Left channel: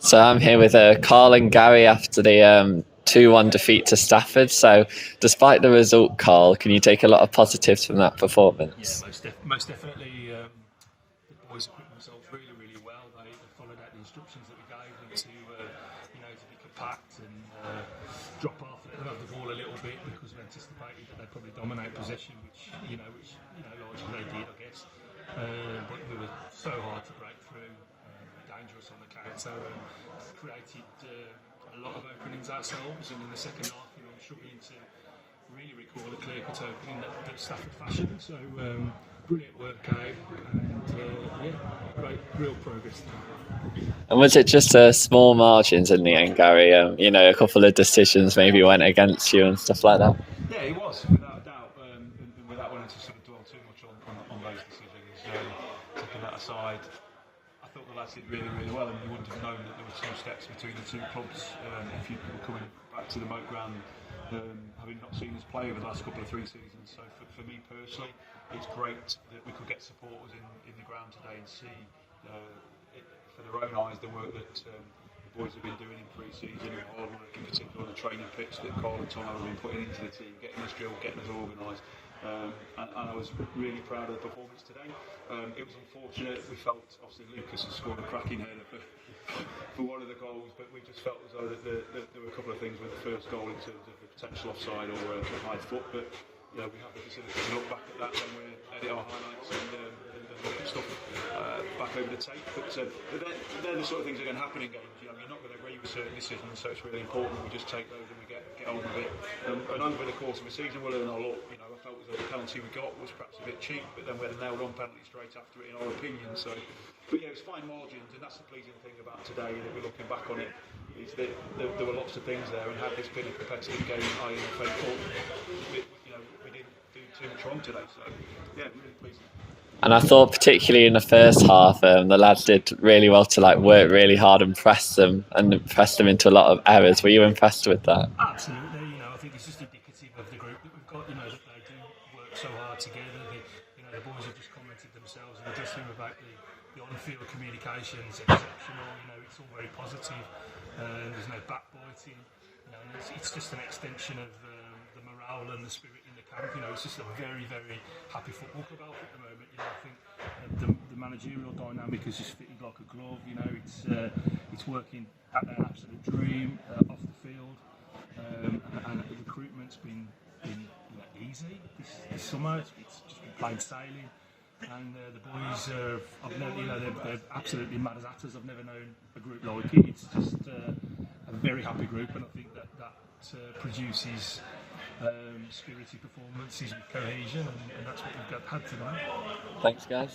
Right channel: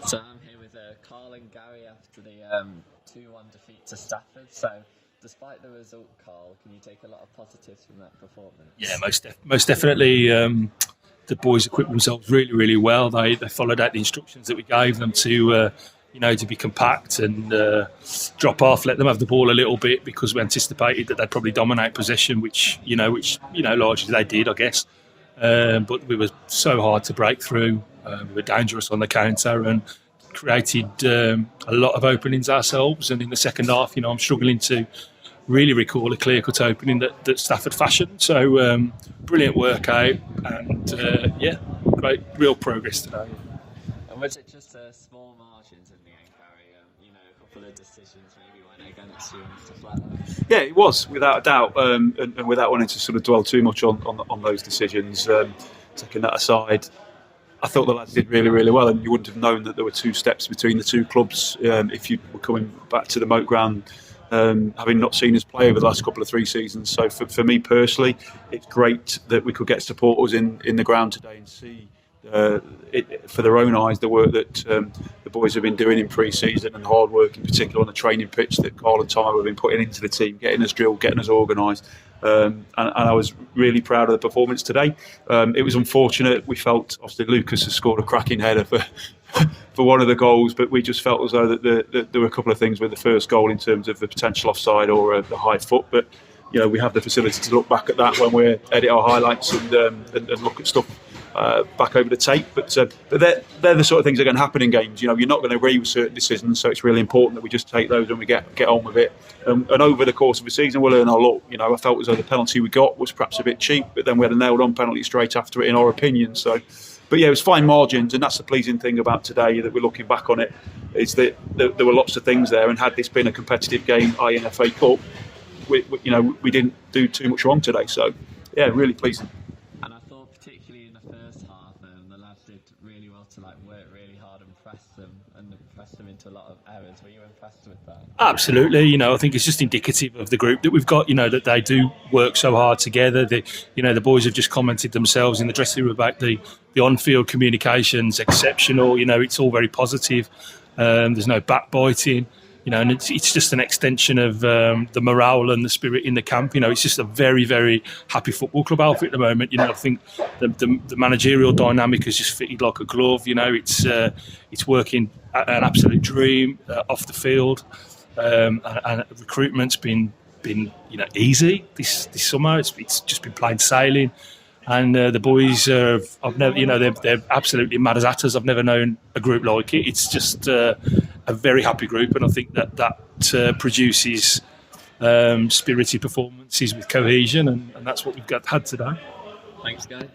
So I'm here with Carl and Gary after the 2-1 defeat to Stafford. So despite the result, Carl, can you take a lot of positives from that performance? Yeah, most definitely. The boys equipped themselves really, really well. They followed out the instructions that we gave them to, to be compact and drop off, let them have the ball a little bit because we anticipated that they'd probably dominate possession, which largely they did, I guess. But we were so hard to break through. We were dangerous on the counter and created a lot of openings ourselves. And in the second half, I'm struggling to really recall a clear-cut opening that Stafford fashioned. So brilliant workout and great, real progress today. And was it just small margins in the end, Gary? A couple of decisions maybe went against you and stuff like that? Yeah, it was, without a doubt. And without wanting to sort of dwell too much on those decisions, taking that aside, I thought the lads did really, really well, and you wouldn't have known that there were two steps between the two clubs if you were coming back to the moat ground, having not seen us play over the last couple of 3 seasons. So for me personally, it's great that we could get supporters in the ground today and see for their own eyes the work that the boys have been doing in pre-season and hard work, in particular on the training pitch that Carl and Tom have been putting into the team, getting us drilled, getting us organised. And I was really proud of the performance today. It was unfortunate. We felt, obviously, Lucas has scored a cracking header for one of the goals, but we just felt as though that there were a couple of things with the first goal in terms of the potential offside or the high foot. But we have the facility to look back at that when we edit our highlights and look at stuff back over the tape. But they're the sort of things that are going to happen in games. You're not going to agree with certain decisions, so it's really important that we just take those and we get on with it. And over the course of the season, we'll learn a lot. I felt as though the penalty we got was perhaps a bit cheap, but then we had a nailed-on penalty straight after it, in our opinion. So, but it was fine margins, and that's the pleasing thing about today, that we're looking back on it, is that there were lots of things there. And had this been a competitive game, i.e. an FA Cup, we didn't do too much wrong today. So, yeah, really pleasing. And I thought particularly in the first half, the lads did really well to work really hard and press them into a lot of errors. Were you impressed with that? Absolutely. I think it's just indicative of the group that we've got, that they do work so hard together. The boys have just commented themselves in the dressing room about the on-field communication's exceptional. It's all very positive. There's no backbiting. And it's just an extension of the morale and the spirit in the camp. It's just a very, very happy football club outfit at the moment. I think the managerial dynamic has just fitted like a glove. It's working at an absolute dream off the field, and recruitment's been easy this summer. It's just been plain sailing. And the boys, I've never, they're absolutely mad as hatters. I've never known a group like it. It's just a very happy group, and I think that produces spirited performances with cohesion, and that's what we've had today. Thanks, guys.